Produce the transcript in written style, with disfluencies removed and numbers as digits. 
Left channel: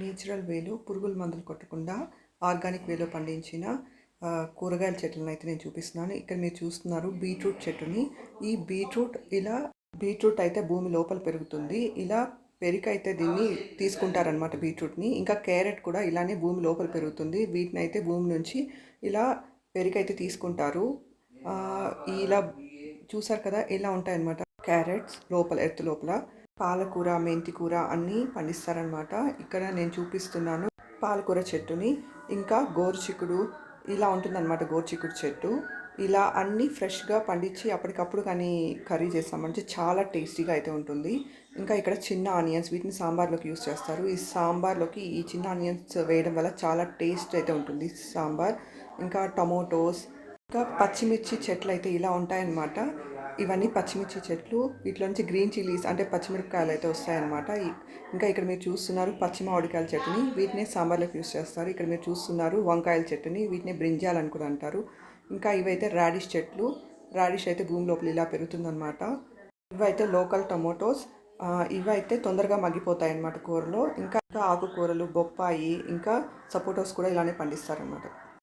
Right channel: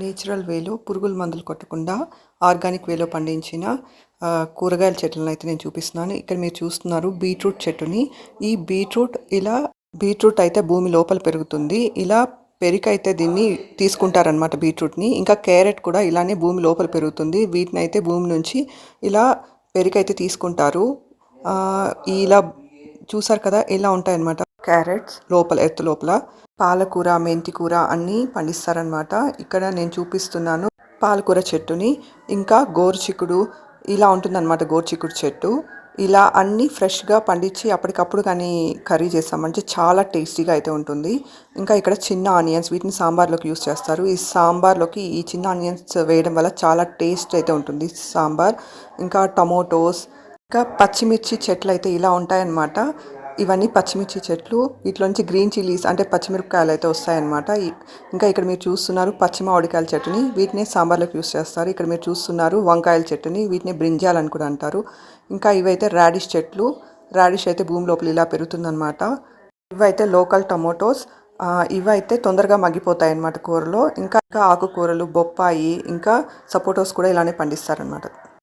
Natural వేలో పురుగుల మందులు కొట్టకుండా ఆర్గానిక్ వేలో పండించిన కూరగాయల చెట్లను అయితే నేను చూపిస్తున్నాను. ఇక్కడ మీరు చూస్తున్నారు బీట్రూట్ చెట్టుని. ఈ బీట్రూట్ అయితే భూమి లోపల పెరుగుతుంది. ఇలా పెరికైతే దీన్ని తీసుకుంటారనమాట బీట్రూట్ని. ఇంకా క్యారెట్ కూడా ఇలానే భూమి లోపల పెరుగుతుంది. వీటిని అయితే భూమి నుంచి ఇలా పెరికైతే తీసుకుంటారు. ఇలా చూసారు కదా, ఇలా ఉంటాయన్నమాట క్యారెట్స్ ఎర్త్ లోపల. పాలకూర, మెంతి కూర అన్నీ పండిస్తారనమాట. ఇక్కడ నేను చూపిస్తున్నాను పాలకూర చెట్టుని. ఇంకా గోరుచిక్కుడు ఇలా ఉంటుందన్నమాట. గోరుచిక్కుడు చెట్టు ఇలా అన్నీ ఫ్రెష్గా పండించి అప్పటికప్పుడు కానీ కర్రీ చేస్తామంటే చాలా టేస్టీగా అయితే ఉంటుంది. ఇంకా ఇక్కడ చిన్న ఆనియన్స్, వీటిని సాంబార్లోకి యూస్ చేస్తారు. ఈ సాంబార్లోకి ఈ చిన్న ఆనియన్స్ వేయడం వల్ల చాలా టేస్ట్ అయితే ఉంటుంది సాంబార్. ఇంకా టమోటోస్, ఇంకా పచ్చిమిర్చి చెట్లు అయితే ఇలా ఉంటాయన్నమాట. ఇవన్నీ పచ్చిమిర్చి చెట్లు. వీటిలోంచి గ్రీన్ చిల్లీస్ అంటే పచ్చిమిరపకాయలు అయితే వస్తాయన్నమాట. ఇంకా ఇక్కడ మీరు చూస్తున్నారు పచ్చి మామిడికాయల చెట్టుని. వీటిని సాంబార్లోకి యూస్ చేస్తారు. ఇక్కడ మీరు చూస్తున్నారు వంకాయల చెట్టుని. వీటిని బ్రింజాల్ అని కూడా అంటారు. ఇంకా ఇవైతే రాడిష్ చెట్లు. రాడిష్ అయితే భూమి లోపల ఇలా పెరుగుతుందన్నమాట. ఇవైతే లోకల్ టమోటోస్. ఇవైతే తొందరగా మగ్గిపోతాయి అన్నమాట కూరలో. ఇంకా ఆకుకూరలు, బొప్పాయి, ఇంకా సపోటోస్ కూడా ఇలానే పండిస్తారనమాట.